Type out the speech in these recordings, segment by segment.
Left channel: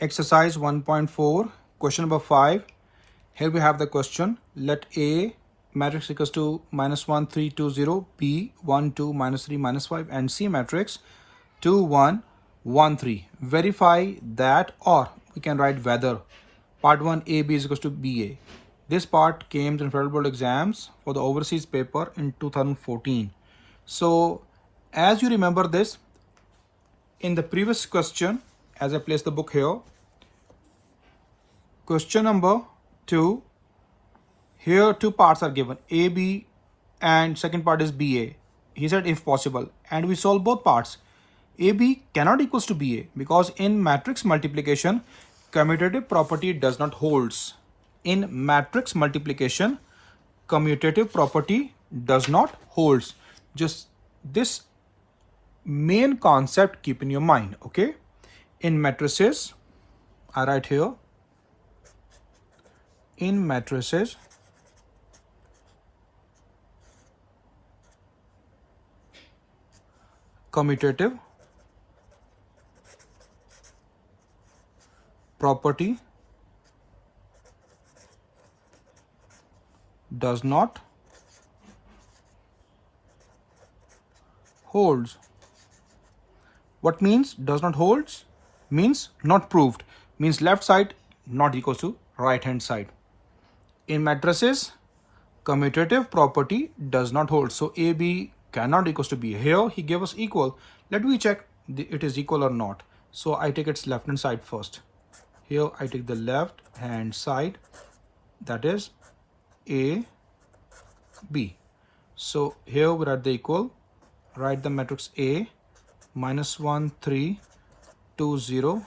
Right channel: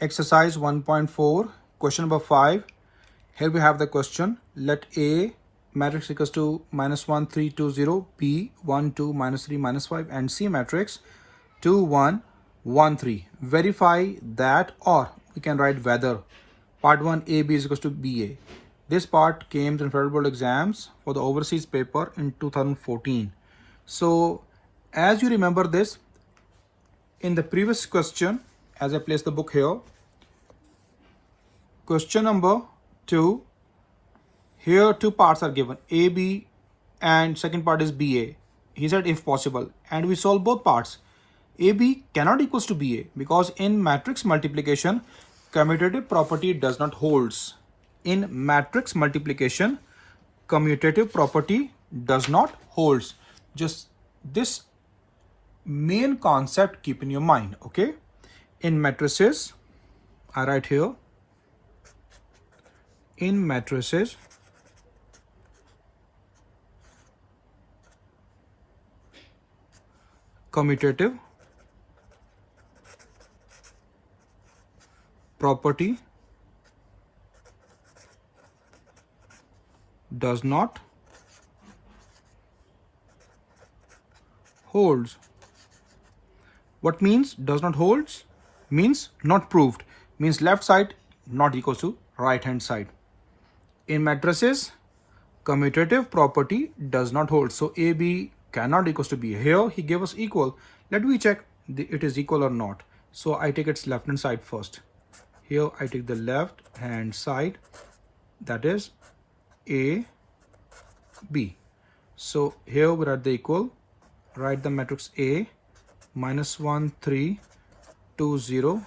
Exercise 1.4, question number 5. Here we have the question. Let A matrix equals to -1, 3, 2, 0, B 1, 2, -3, -5, and C matrix 2, 1, 1, 3. Verify that, or we can write whether part 1 AB is equals to BA. This part came to federal board exams for the overseas paper in 2014. So as you remember this, in the previous question, as I place the book here, question number 2, here two parts are given, AB and second part is BA. He said if possible, and we solve both parts. AB cannot equals to BA because in matrix multiplication, commutative property does not holds. In matrix multiplication, commutative property does not holds. Just this main concept keep in your mind, okay? In matrices, I write here, in matrices, commutative property does not holds. What means does not holds? Means not proved. Means left side not equals to right hand side. In matrices, commutative property does not hold. So AB cannot equals to B. Here he gave us equal. Let me check it is equal or not. So I take its left hand side first. Here I take the left hand side, that is A, B. So here we write the equal, write the matrix A, -1, 3, 2, 0,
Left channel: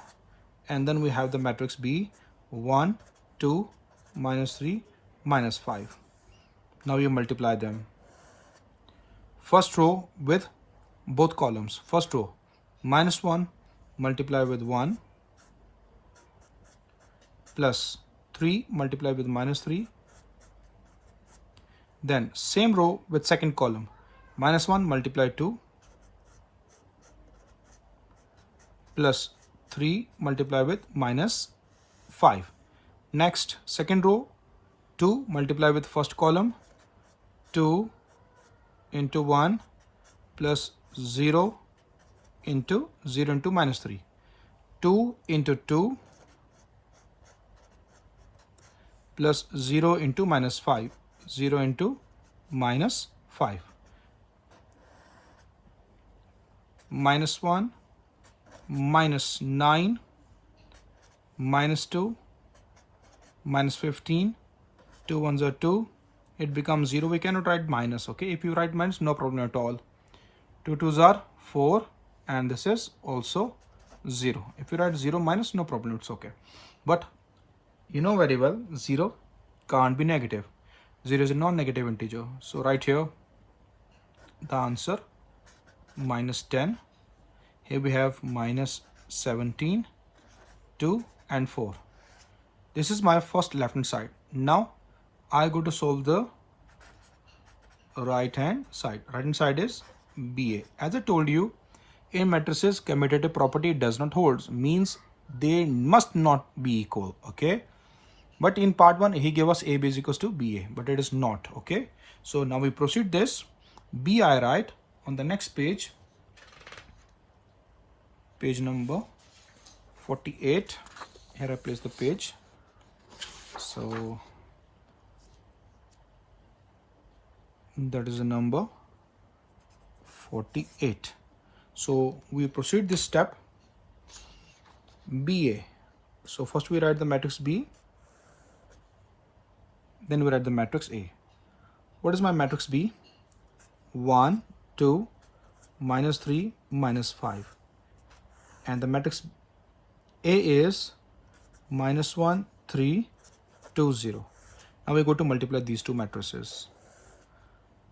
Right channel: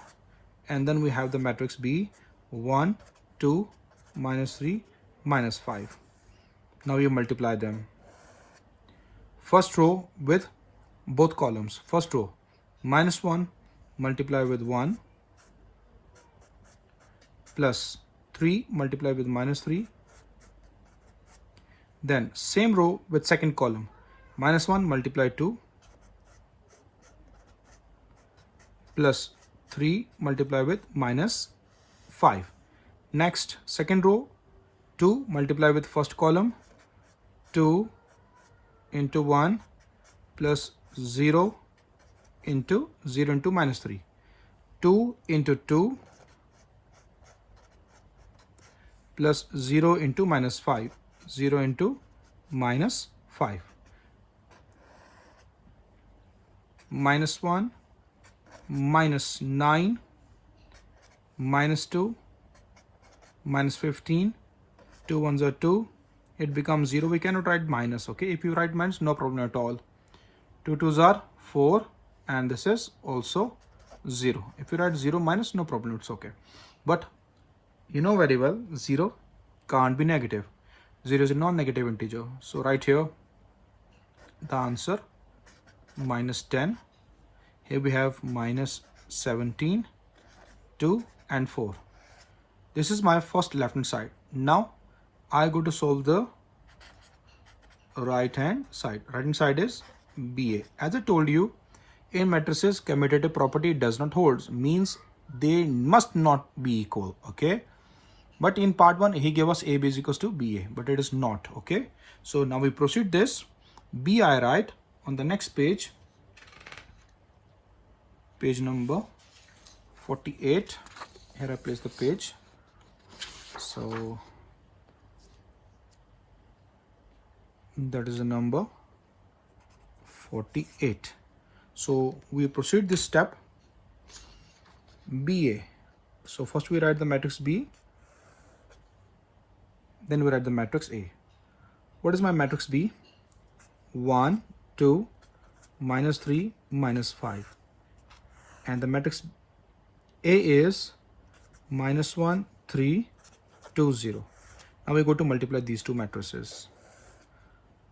and then we have the matrix B, 1, 2, -3, -5. Now you multiply them. First row with both columns. First row, -1 multiply with 1, plus 3 multiply with -3. Then same row with second column, -1 multiply 2, plus 3 multiply with -5. Next, second row, 2 multiply with first column, 2 into 1 plus 0 into -3. 2 into 2 plus 0 into -5. 0 into -5. -1, -9, -2, -15, 2 ones are 2, it becomes 0. We cannot write minus, okay? If you write minus, no problem at all. 2 twos are 4, and this is also 0. If you write 0 minus, no problem, it's okay. But you know very well, 0 can't be negative. 0 is a non-negative integer. So right here, the answer -10. Here we have -17, 2 and 4. This is my first left hand side. Now I go to solve the right hand side. Right hand side is BA. As I told you, in matrices, commutative property does not hold. Means they must not be equal, okay? But in part 1, he gave us AB is equals to BA, but it is not, okay? So now we proceed this. B I write on the next page, page number 48. Here I place the page. So that is the number 48. So we proceed this step, BA. So first we write the matrix B, then we write the matrix A. What is my matrix B? 1, 2, -3, -5. And the matrix A is -1, 3, 2, 0. Now we go to multiply these two matrices.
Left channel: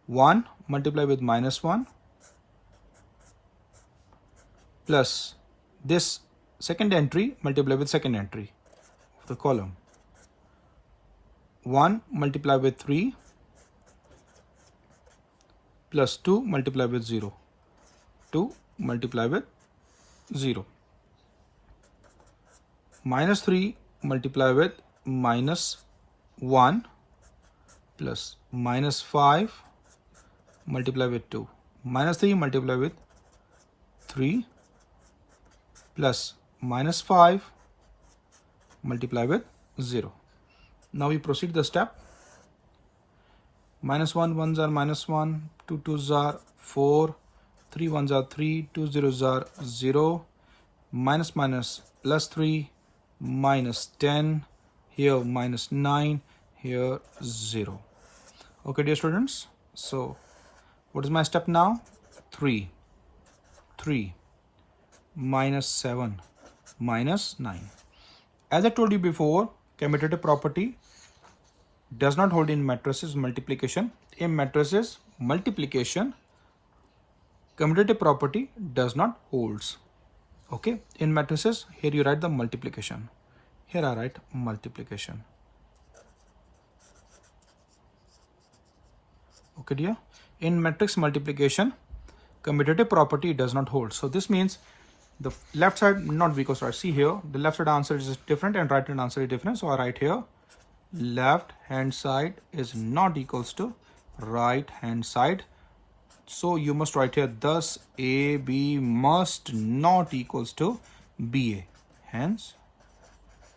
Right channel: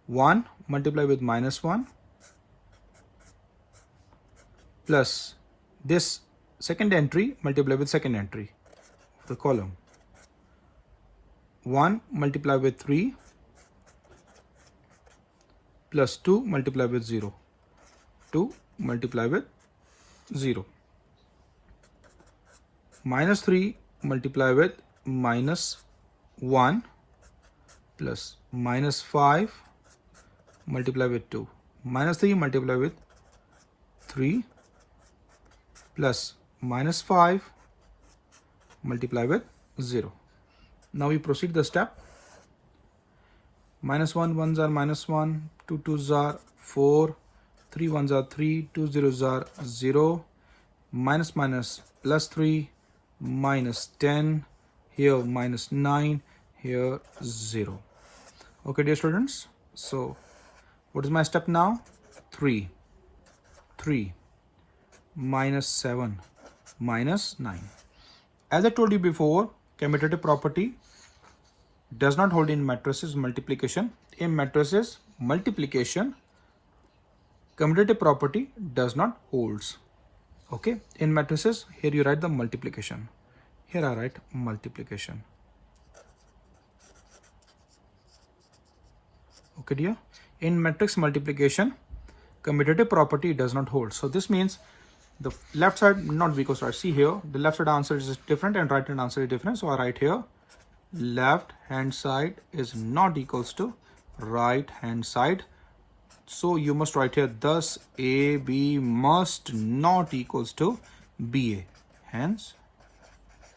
1 multiply with -1 plus this second entry multiply with second entry of the column. 1 multiply with 3 plus 2 multiply with 0. 2 multiply with 0. minus 3 multiply with minus 1 plus minus 5 multiply with 2. Minus 3 multiply with 3 plus minus 5 multiply with 0. Now we proceed the step. Minus 1 ones are minus 1, 2 twos are 4, 3 ones are 3, 2 zeros are 0, minus minus plus 3, minus 10, here minus 9, here 0. Okay, dear students, so what is my step now? 3 minus 7 minus 9. As I told you before, commutative property does not hold in matrices multiplication. In matrices multiplication, commutative property does not holds. Okay, in matrices, here you write the multiplication. Here I write multiplication. Okay, dear. In matrix multiplication, commutative property does not hold. So this means the left side not be equals to right. See here, the left side answer is different and right hand answer is different. So I write here, left hand side is not equals to right hand side. So you must write here, thus AB must not equals to BA. Hence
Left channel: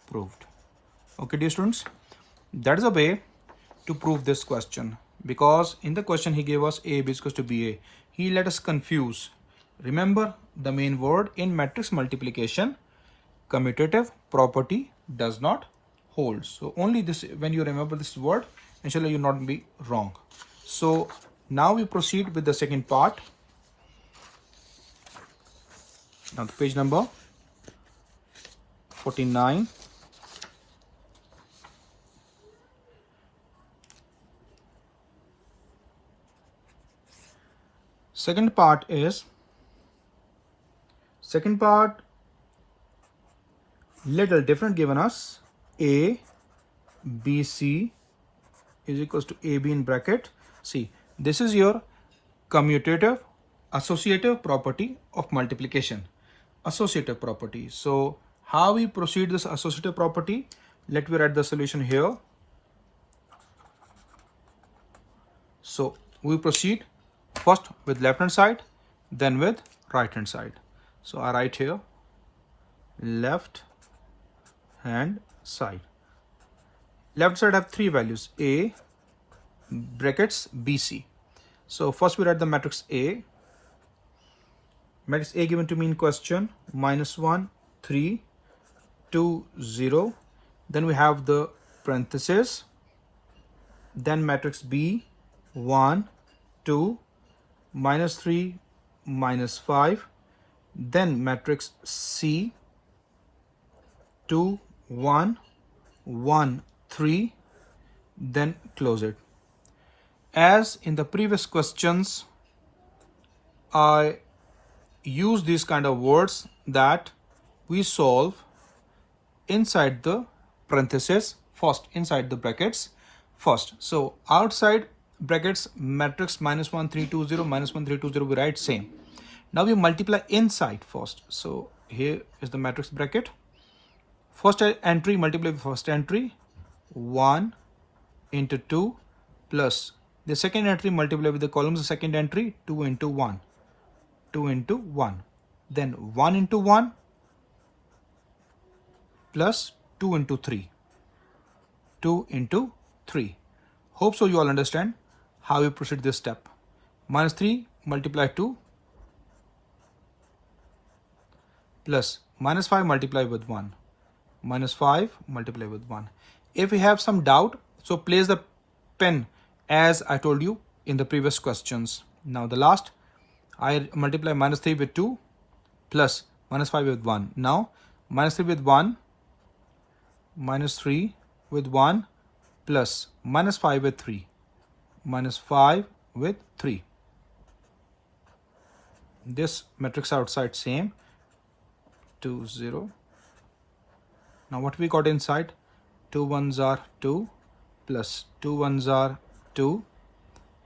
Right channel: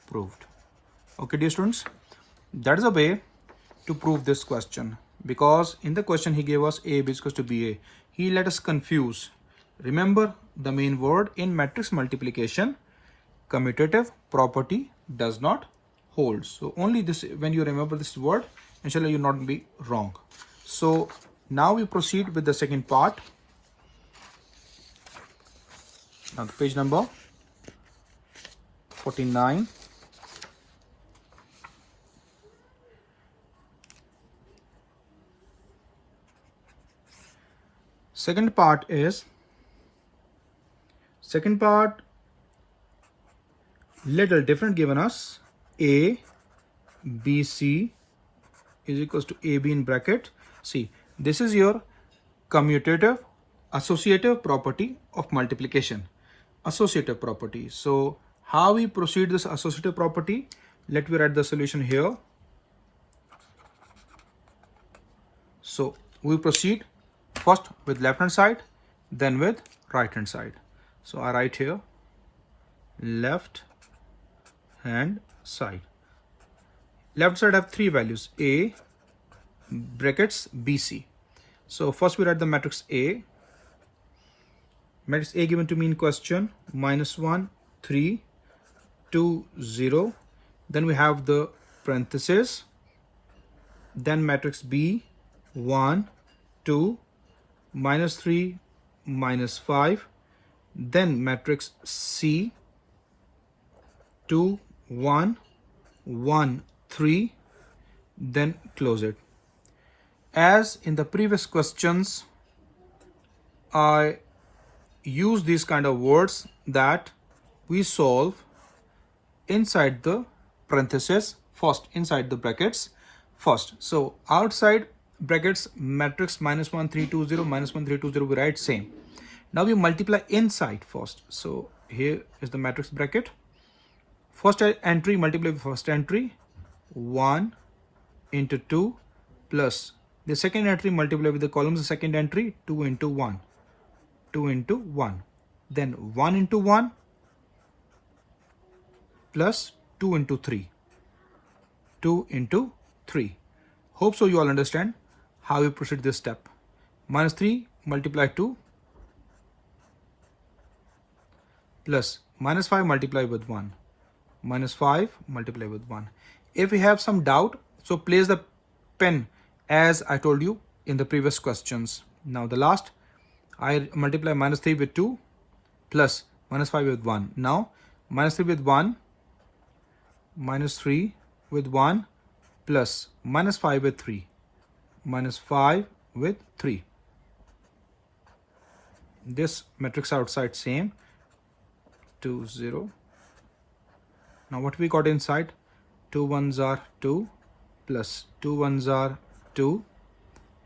proved. Okay, dear students, that is a way to prove this question, because in the question he gave us AB is equals to BA. He let us confuse. Remember the main word in matrix multiplication, commutative property does not hold. So only this, when you remember this word, inshallah you will not be wrong. So now we proceed with the second part. On page number 49. Second part little different given us. A, B, C is equals to AB in bracket. See, this is your commutative associative property of multiplication. Associative property. So how we proceed this associative property? Let me write the solution here. So we proceed first with left hand side, then with right hand side. So I write here left hand side. Left side have three values, A brackets BC. So first we write the matrix A. Matrix A given to me in question, minus 1, 3, 2, 0. Then we have the parenthesis. Then matrix B, 1, 2, minus 3, minus 5. Then matrix C, 2, 1, 1, 3. Then close it. As in the previous questions, I use these kind of words that we solve inside the parenthesis first, inside the brackets first. So outside brackets matrix minus 1, 3, 2, 0, minus 1, 3, 2, 0, we write same. Now we multiply inside first. So here is the matrix bracket. First entry multiply with first entry, 1 into 2 plus the second entry multiply with the columns of second entry, 2 into 1, 2 into 1. Then 1 into 1 plus 2 into 3, 2 into 3. Hope so you all understand how we proceed this step. Minus 3 multiply 2 plus minus 5 multiply with 1, minus 5 multiply with 1. If we have some doubt, so place the pen as I told you in the previous questions. Now the last, I multiply minus 3 with 2 plus minus 5 with 1. Now minus 3 with 1, minus 3 with 1 plus minus 5 with 3, minus 5 with 3. This matrix outside same, 2, 0. Now what we got inside? 2 ones are 2 plus 2 ones are 2,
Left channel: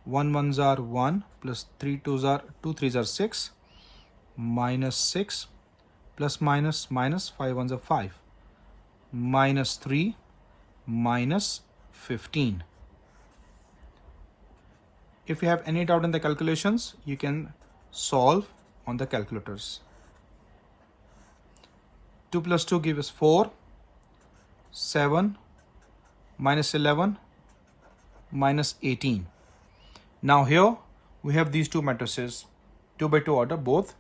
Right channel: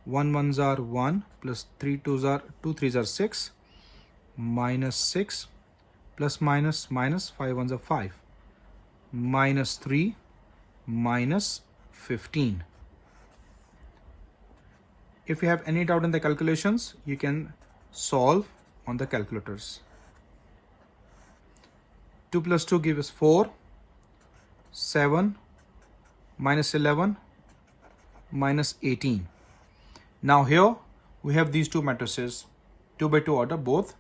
1 ones are 1 plus 3 twos are 2 threes are 6, minus 6 plus minus minus 5 ones are 5. minus 3 minus 15. If you have any doubt in the calculations, you can solve on the calculators. 2 plus 2 gives us 4, 7 minus 11 minus 18. Now here we have these two matrices, 2 by 2 order both.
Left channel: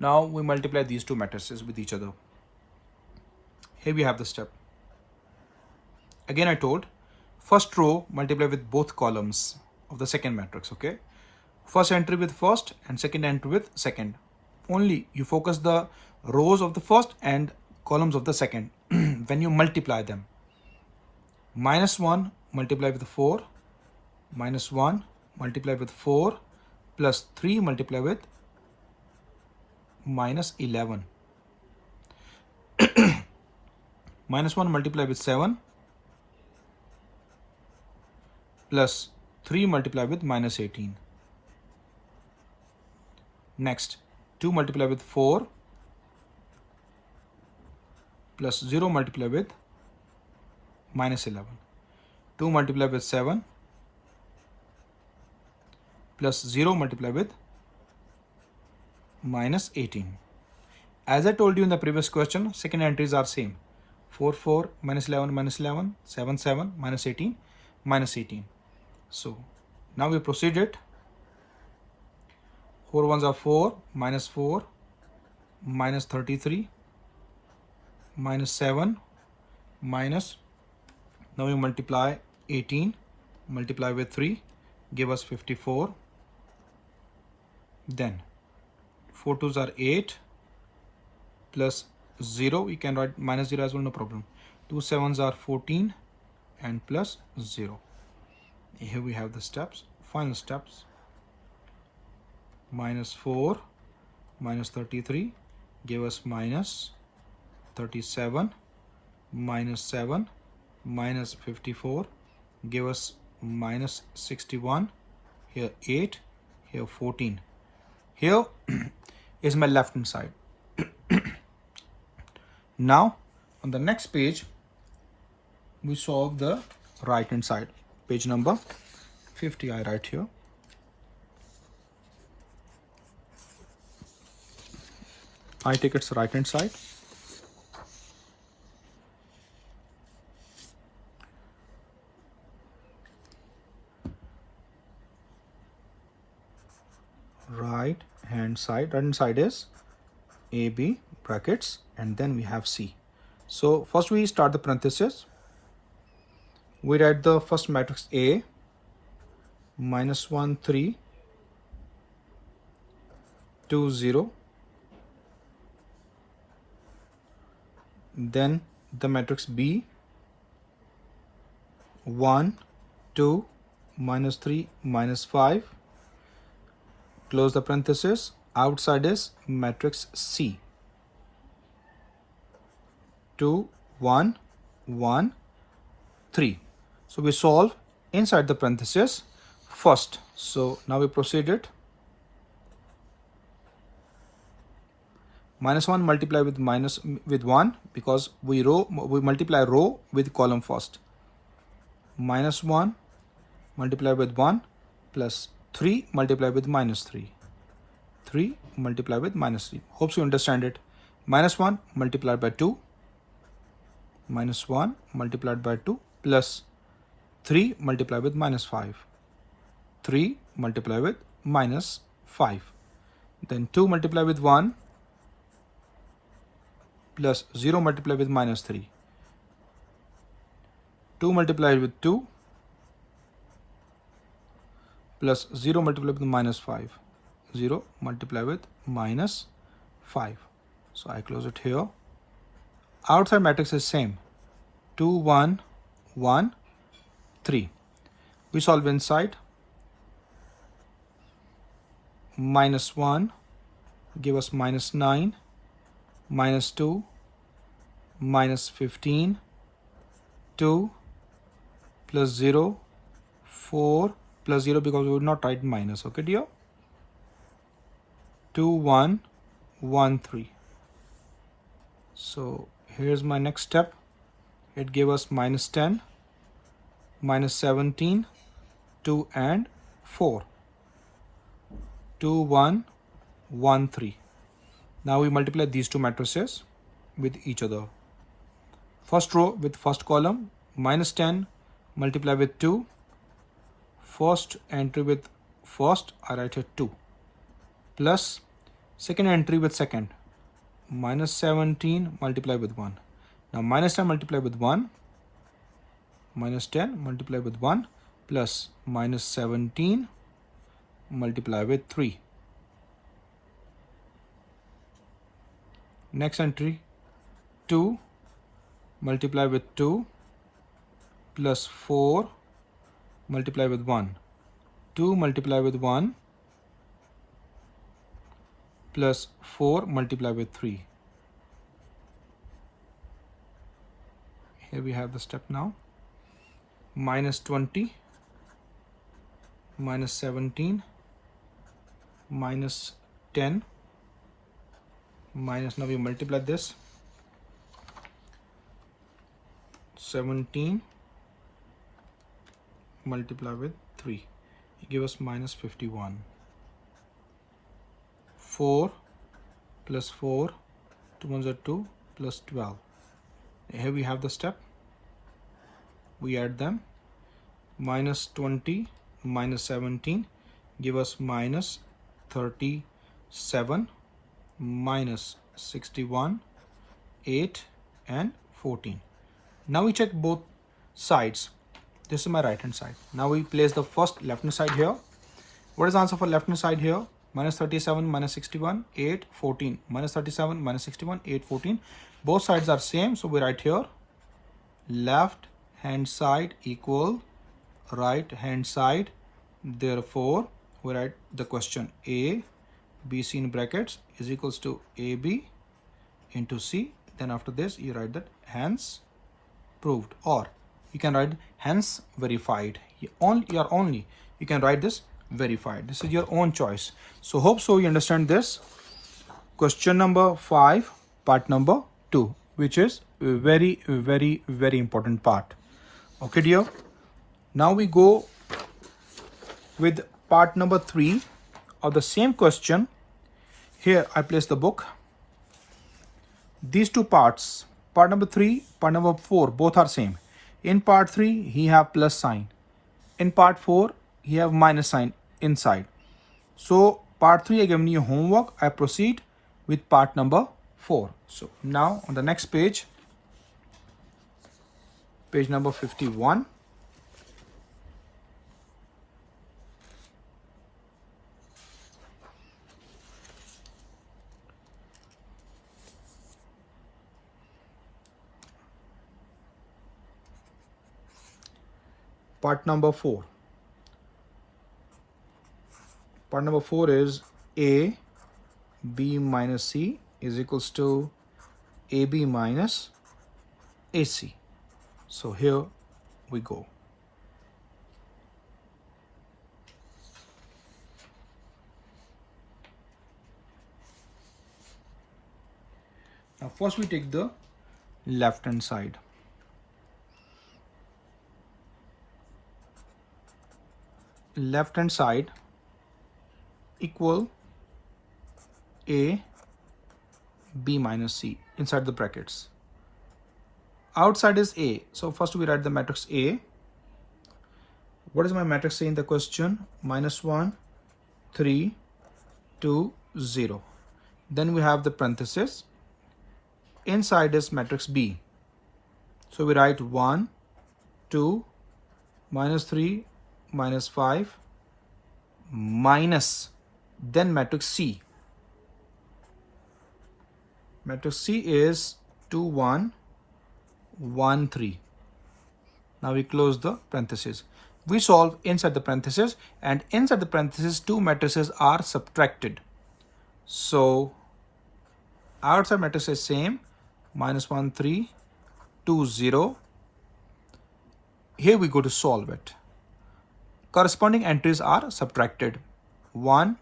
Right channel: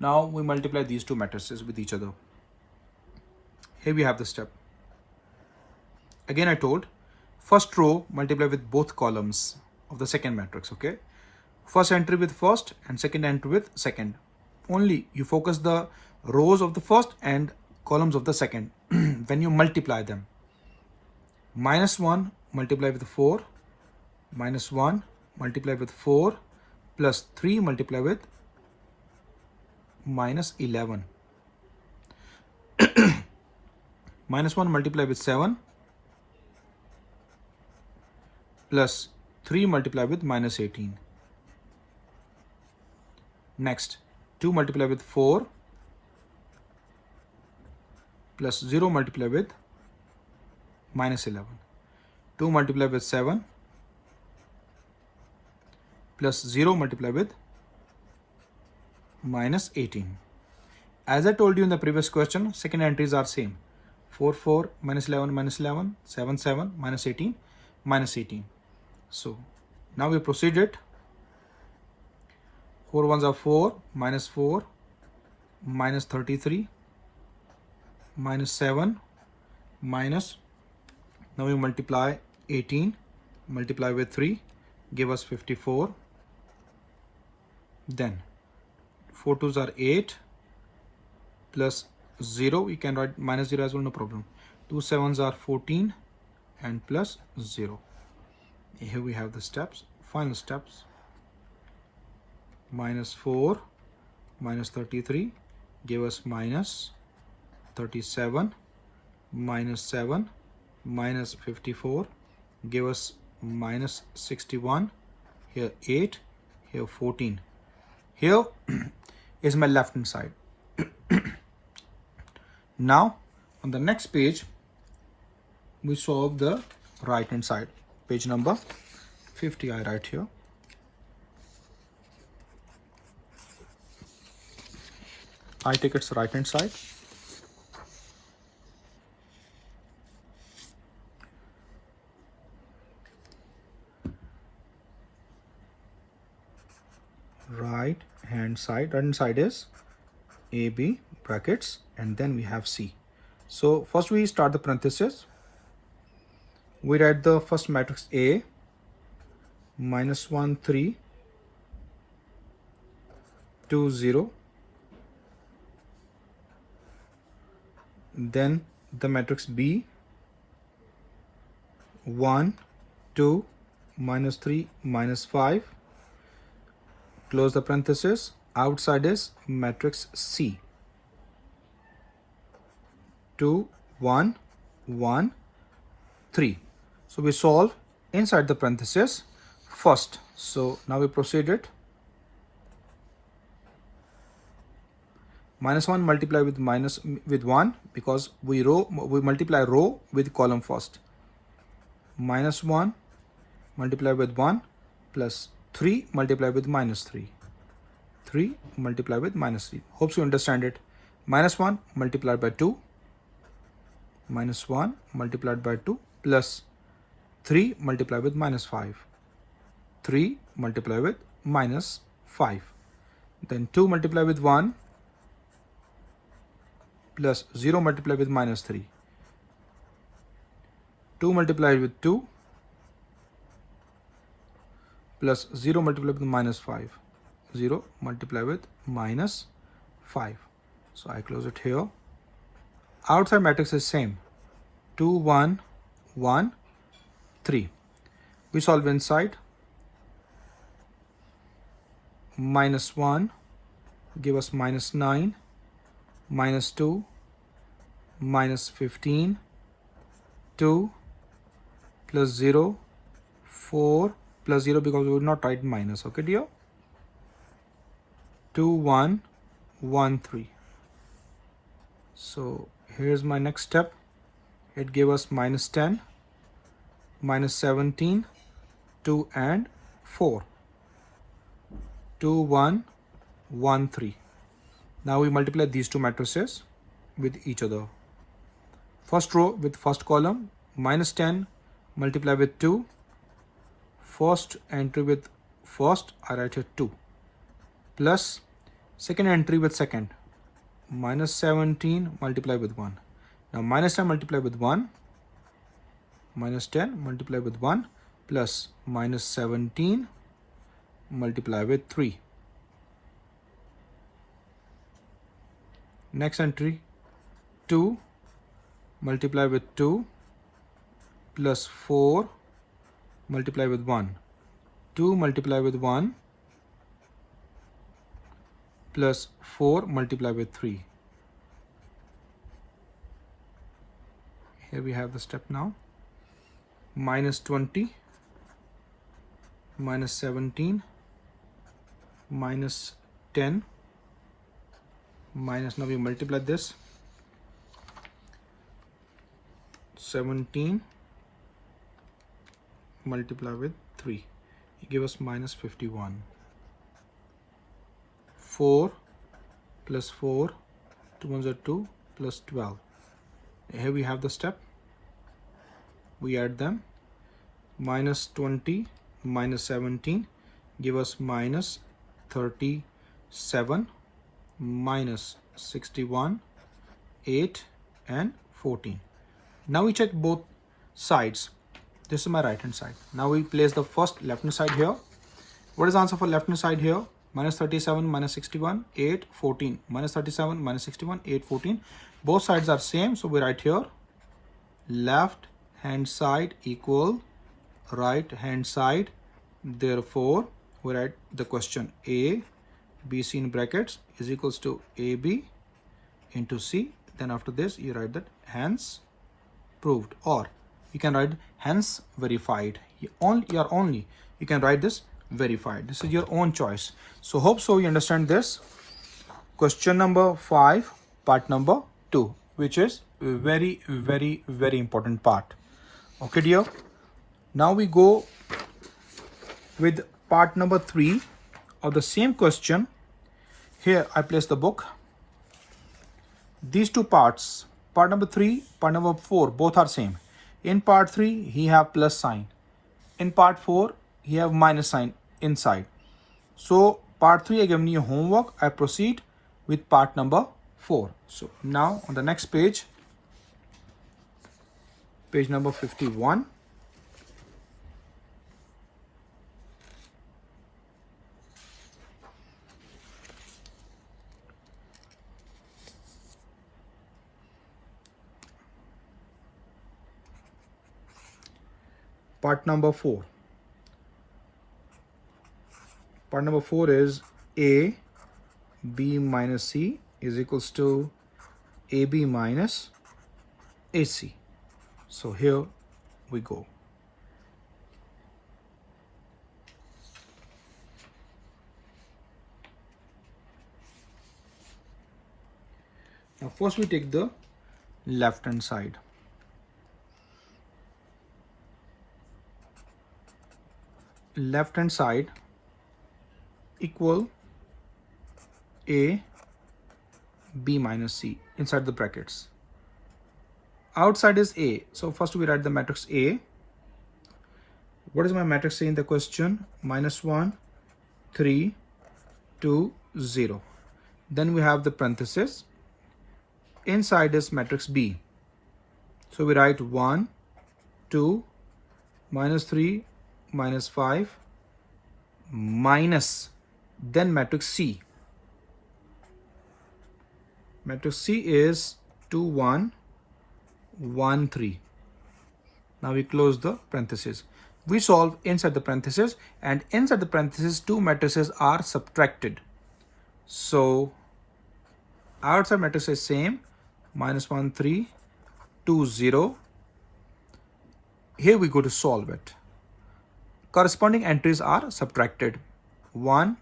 Now we multiply these two matrices with each other. Here we have the step. Again I told, first row multiply with both columns of the second matrix, okay? First entry with first and second entry with second. Only you focus the rows of the first and columns of the second when you multiply them. Minus 1 multiply with 4, minus 1 multiply with 4, plus 3 multiply with minus 11. Minus 1 multiply with 7, plus 3 multiply with minus 18. Next, 2 multiply with 4, plus 0 multiply with minus 11. 2 multiply with 7, plus 0 multiply with minus 18. As I told you in the previous question, second entries are same. 4, 4, minus 11, minus 11, 7, 7, minus 18, minus 18. So now we proceed it. 4 ones are 4, minus 4, minus 33, minus 7, minus, now we multiply 18, multiply with 3, give us 54. Then 4 twos are 8, plus 0, we can write minus 0 as well, no problem. 2 sevens are 14 and plus 0. Here we have the steps, final steps. Minus 4 minus 33 give us minus 37, minus 7 minus 54 give us minus 61, here 8, here 14. Here is my left hand side. Now on the next page we solve the right hand side. Page number 50 I write here. I take its right hand side. Right hand side is AB brackets and then we have C. So first we start the parenthesis. We write the first matrix A, minus 1, 3, 2, 0. Then the matrix B, 1, 2, minus 3, minus 5. Close the parenthesis. Outside is matrix C, 2, 1, 1, 3. So we solve inside the parenthesis first. So now we proceed it. Minus 1 multiply with 1 because we multiply row with column first. Minus 1 multiply with 1 plus 3 multiply with minus 3. 3 multiply with minus 3. Hope you understand it. Minus 1 multiplied by 2. Minus 1 multiplied by 2 plus 3 multiplied with minus 5. 3 multiplied with minus 5. Then 2 multiplied with 1 plus 0 multiplied with minus 3. 2 multiplied with 2 plus 0 multiplied with minus 5. 0 multiplied with minus 5. So I close it here. Outside matrix is same. 2, 1, 1, 3. We solve inside. Minus 1 give us minus 9, minus 2, minus 15, 2 plus 0, 4 plus 0 because we would not write minus, okay dear? 2, 1, 1, 3. So here's my next step. it gave us minus 10, minus 17, 2 and 4. 2, 1, 1, 3. Now we multiply these two matrices with each other. First row with first column, minus 10 multiply with 2. First entry with first, I write here 2. Plus second entry with second, minus 17 multiply with 1. Now minus 10 multiply with 1, minus 10 multiply with 1, plus minus 17 multiply with 3. Next entry, 2 multiply with 2, plus 4 multiply with 1. 2 multiply with 1, plus 4 multiply with 3. Here we have the step now. Minus 20, minus 17, minus 10, minus, now we multiply this, 17 multiply with 3, it gives us minus 51. 4 plus 4, 2 ones are 2, plus 12. Here we have the step. We add them. Minus 20 minus 17 give us minus 37, minus 61, 8 and 14. Now we check both sides. This is my right hand side. Now we place the first left hand side here. What is the answer for left hand side here? Minus 37 minus 61, 8, 14. Minus 37 minus 61, 8, 14. Both sides are same, so we write here left hand side equal right hand side. Therefore we write the question A, B, C in brackets is equals to AB into C. Then after this you write that hence proved, or you can write hence verified. You can write this verified. This is your own choice. So hope so you understand this. Question number 5, part number 2, which is very important part. Okay dear. Now we go with part number 3 of the same question. Here I place the book. These two parts, part number 3, part number 4, both are same. In part 3 he have plus sign. In part 4 he have minus sign inside. So part 3 I given you homework. I proceed with part number 4. So now on the next page, page number 51. Part number 4. Part number 4 is A, B minus C is equals to AB minus AC. So here we go. Now first we take the left hand side. Left hand side equal A, B minus C inside the brackets. Outside is A. So first we write the matrix A. What is my matrix A in the question? Minus 1, 3, 2, 0. Then we have the parenthesis. Inside is matrix B. So we write 1, 2, minus 3, minus 5, minus, then matrix C. Matrix C is 2, 1, 1, 3. Now we close the parentheses. We solve inside the parentheses, and inside the parentheses two matrices are subtracted. So outside matrix is same, minus 1, 3, 2, 0. Here we go to solve it. Corresponding entries are subtracted. 1,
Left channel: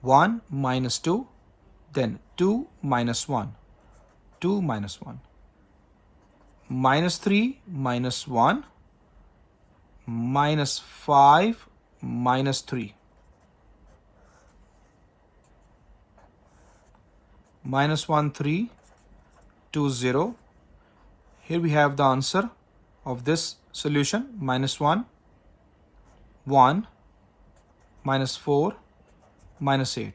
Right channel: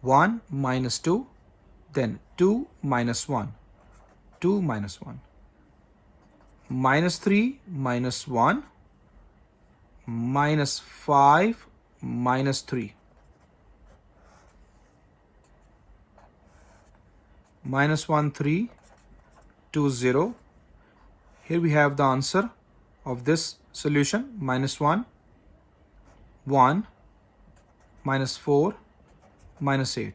1 minus 2, then 2 minus 1, 2 minus 1, minus 3 minus 1 minus 5 minus 3 minus 1 3 2 0. Here we have the answer of this solution, minus 1 1 minus 4 minus 8.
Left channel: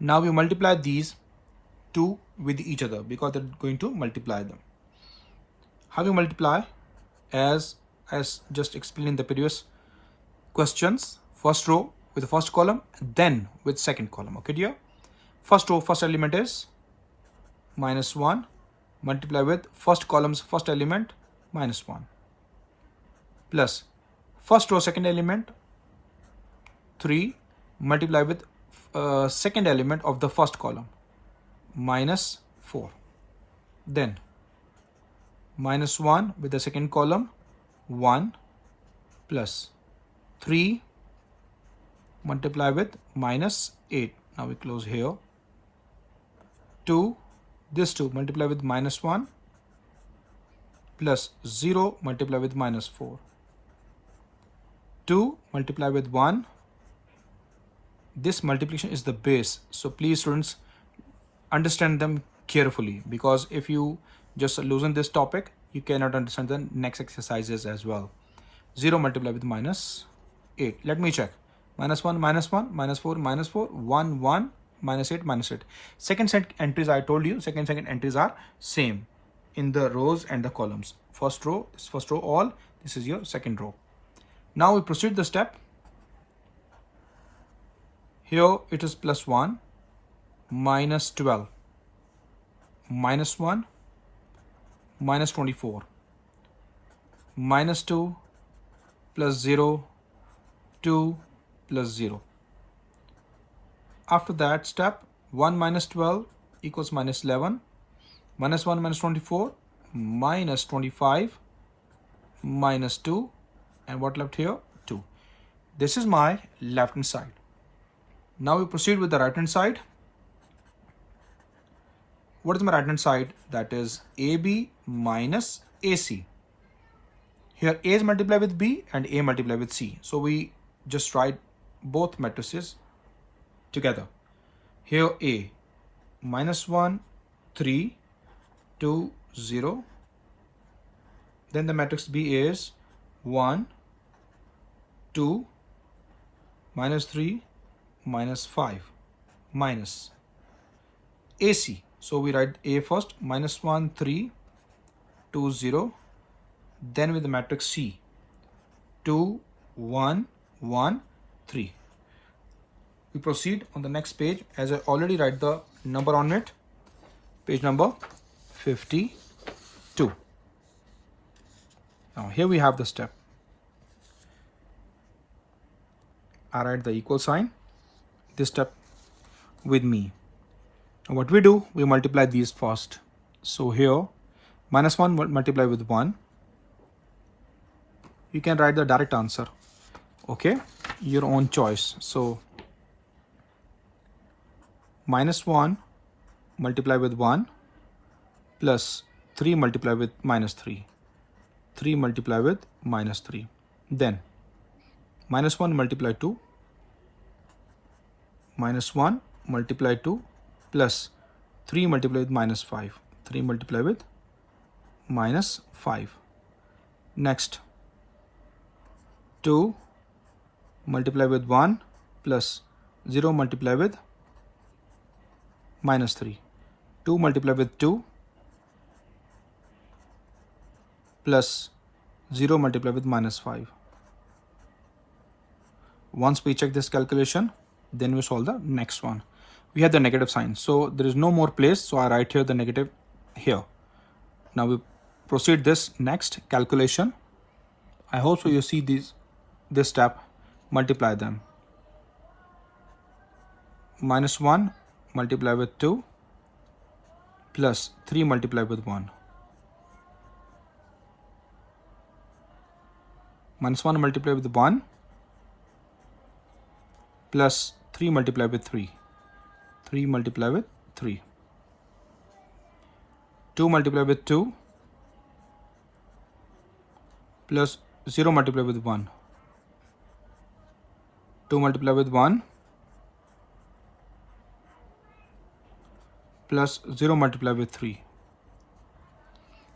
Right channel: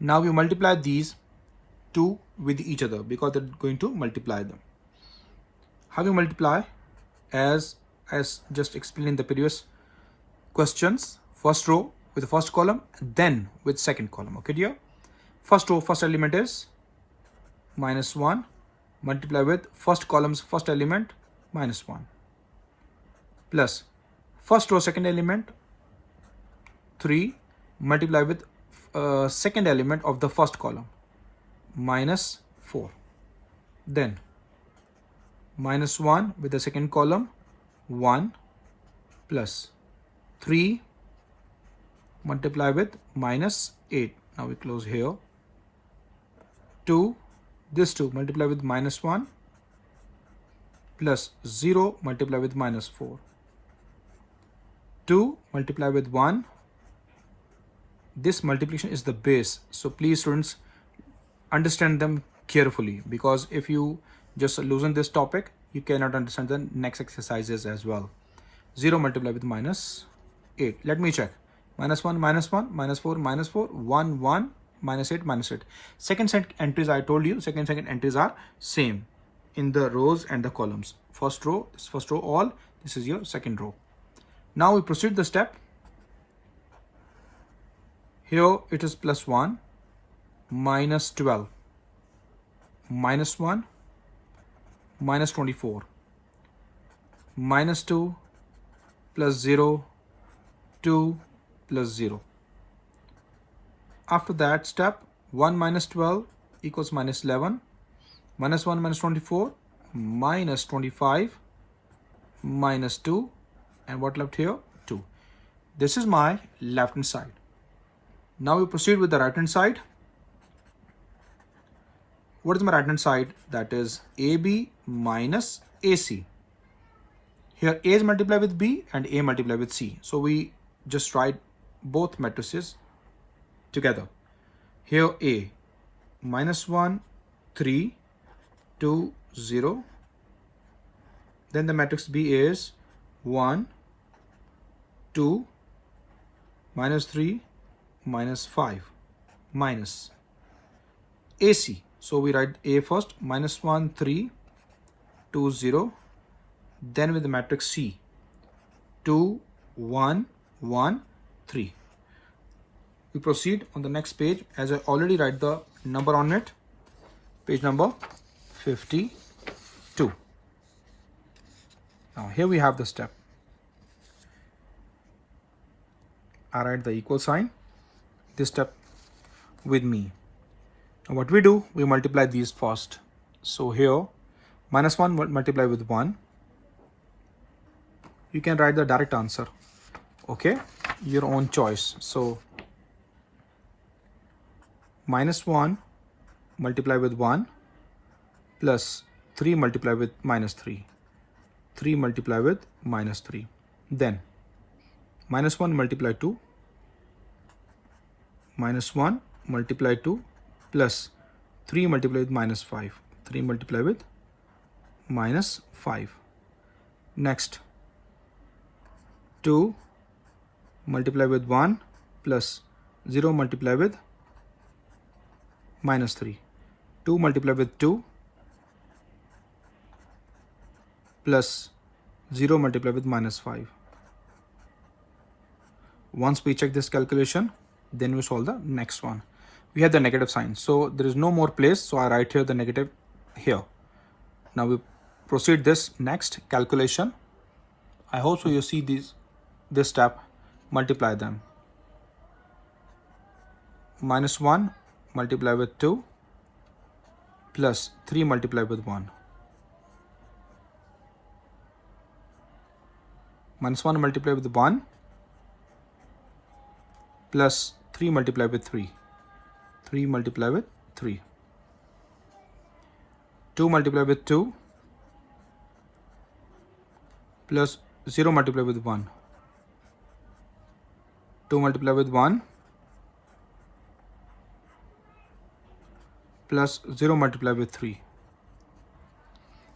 Now we multiply these two with each other because they're going to multiply them. How we multiply? As just explained in the previous questions, first row with the first column, then with second column. Okay dear? First row, first element is minus 1, multiply with first column's first element, minus 1, plus first row second element 3, multiply with second element of the first column, minus 4, then minus 1 with the second column 1 plus 3, multiply with minus 8. Now we close here. 2, this 2 multiply with minus 1 plus 0 multiply with minus 4. 2 multiply with 1. This multiplication is the base. So please students understand them carefully, because if you just loosen this topic, you cannot understand the next exercises as well. 0 multiply with minus 8. Let me check. Minus 1, minus 1, minus 4, minus 4, 1, 1, minus 8, minus 8. Second set entries, I told you, second entries are same in the rows and the columns. First row is first row all. This is your second row. Now we proceed the step. Here it is plus 1, minus 12, minus 1, minus 24, minus 2, plus 0, 2, plus 0. After that step, 1 minus 12 equals minus 11, minus 1 minus 24, minus 25, minus 2, and what left here? 2. This is my left hand side. Now we proceed with the right hand side. What is my right hand side? That is AB minus AC. Here A is multiplied with B and A multiplied with C. So we just write both matrices together. Here A, minus 1, 3, 2, 0. Then the matrix B is 1, 2, minus 3, minus 5, minus AC. So we write A first, minus 1, 3, 2, 0. Then with the matrix C, 2, 1, 1, 3. We proceed on the next page, as I already write the number on it. Page number 52. Now here we have the step. I write the equal sign, this step with me. Now what we do, we multiply these first. So here, minus 1 multiply with 1. You can write the direct answer. Okay, your own choice. So minus 1 multiply with 1 plus 3 multiply with minus 3. 3 multiply with minus 3. Then minus 1 multiply 2. Minus 1 multiply 2 plus 3 multiply with minus 5. 3 multiply with minus 5. Next 2 multiply with 1 plus 0 multiply with minus 3. 2 multiply with 2 plus 0 multiply with minus 5. Once we check this calculation, then we solve the next one. We have the negative sign, so there is no more place, so I write here the negative here. Now we proceed this next calculation. I hope so you see this step, multiply them. Minus 1 multiply with 2 plus 3 multiply with 1. Minus 1 multiply with 1 plus 3 multiply with 3. 3 multiply with 3. 2 multiply with 2 plus 0 multiplied with 1. 2 multiplied with 1 plus 0 multiplied with 3.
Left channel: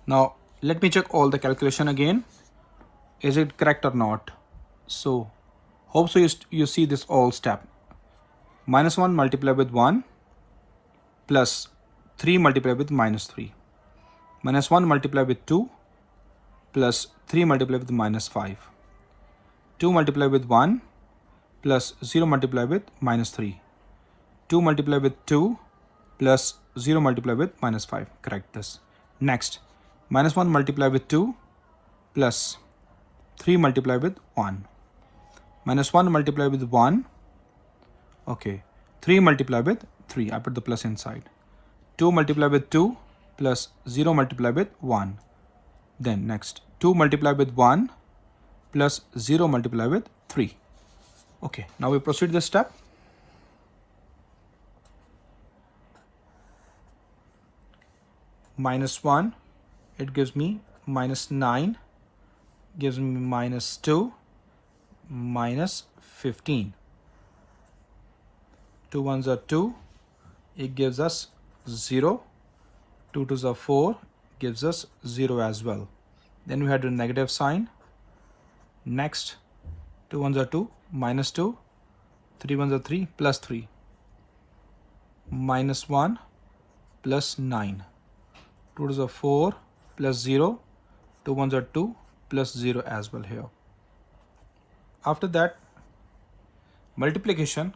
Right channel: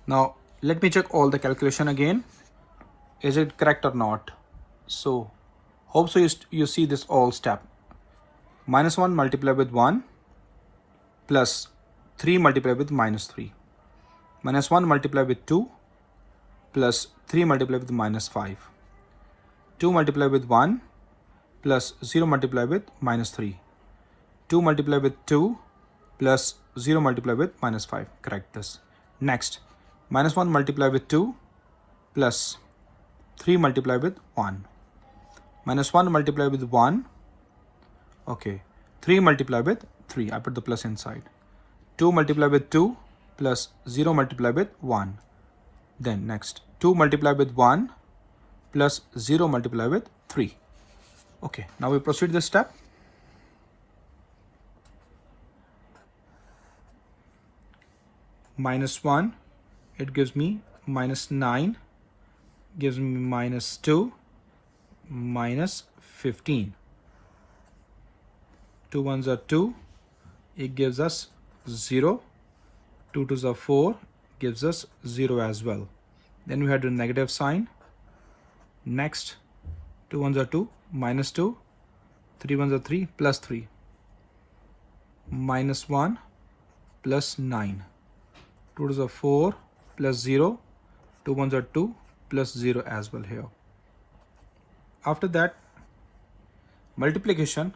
Now let me check all the calculation again. Is it correct or not? So hope so you see this all step. Minus 1 multiplied with 1 plus 3 multiplied with minus 3. Minus 1 multiplied with 2 plus 3 multiplied with minus 5. 2 multiplied with 1 plus 0 multiplied with minus 3. 2 multiplied with 2 plus 0 multiplied with minus 5. Correct this. Next, minus 1 multiplied with 2 plus 3 multiplied with 1. Minus 1 multiplied with 1. Okay. 3 multiplied with 3. I put the plus inside. 2 multiplied with 2 plus 0 multiplied with 1. Then next, 2 multiplied with 1 plus 0 multiplied with 3. Okay. Now we proceed this step. Minus 1, it gives me minus 9, gives me minus 2, minus 15. 2 ones are 2, it gives us 0. 2 twos are 4, gives us 0 as well. Then we had a negative sign. Next, 2 ones are 2, minus 2, 3 ones are 3, plus 3. Minus 1, plus 9. 2 twos are 4, plus 0, 2 ones are 2, plus 0 as well here. After that, multiplication.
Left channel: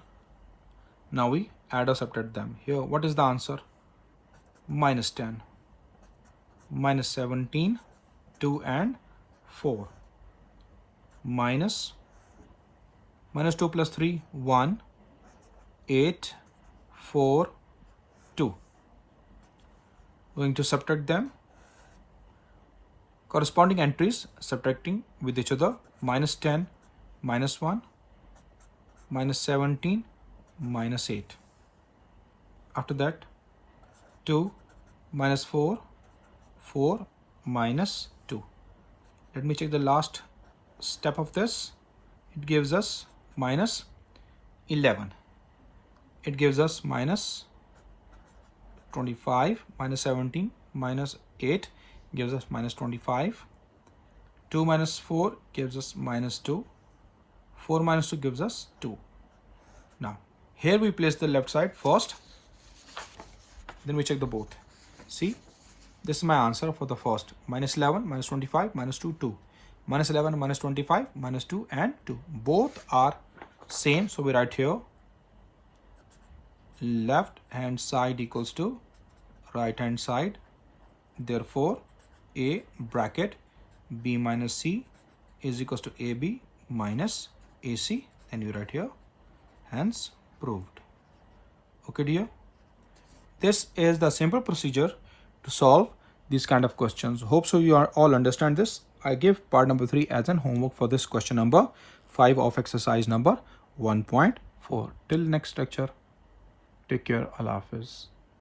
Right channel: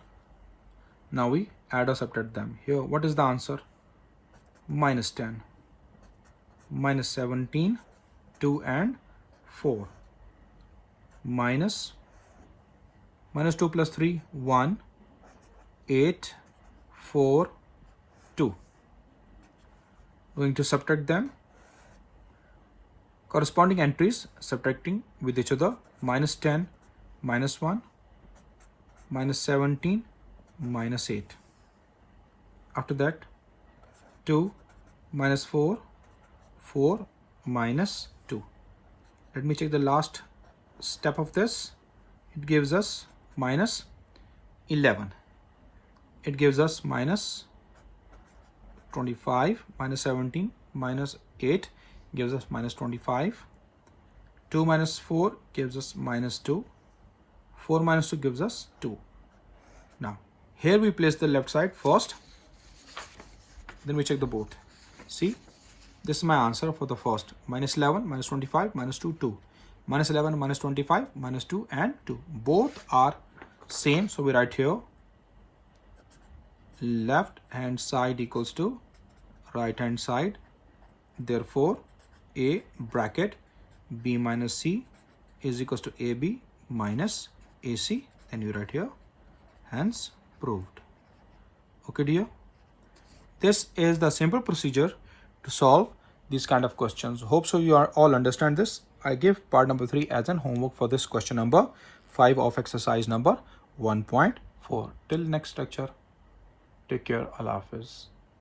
Now we add or subtract them. Here, what is the answer? Minus 10, minus 17, 2 and 4. Minus 2 plus 3, 1, 8, 4, 2. Going to subtract them. Corresponding entries subtracting with each other. Minus 10, minus 1, minus 17, minus 8. After that, 2, minus 4, 4, minus 2. Let me check the last step of this. It gives us minus 11. It gives us minus 25, minus 17, minus 8 gives us minus 25. 2 minus 4 gives us minus 2. 4 minus 2 gives us 2. Now, here we place the left side first. Then we check the both. See, this is my answer for the first. Minus 11, minus 25, minus 2, 2. Minus 11, minus 25, minus 2 and 2. Both are same. So we write here left hand side equals to right hand side. Therefore, A bracket B minus C is equals to AB minus AC. And you write here, hence proved. Okay, dear. This is the simple procedure to solve these kind of questions. Hope so you are all understand this. I give part number 3 as an homework for this question number 5 of exercise number 1.4. Till next lecture. Take care. Allah Hafiz.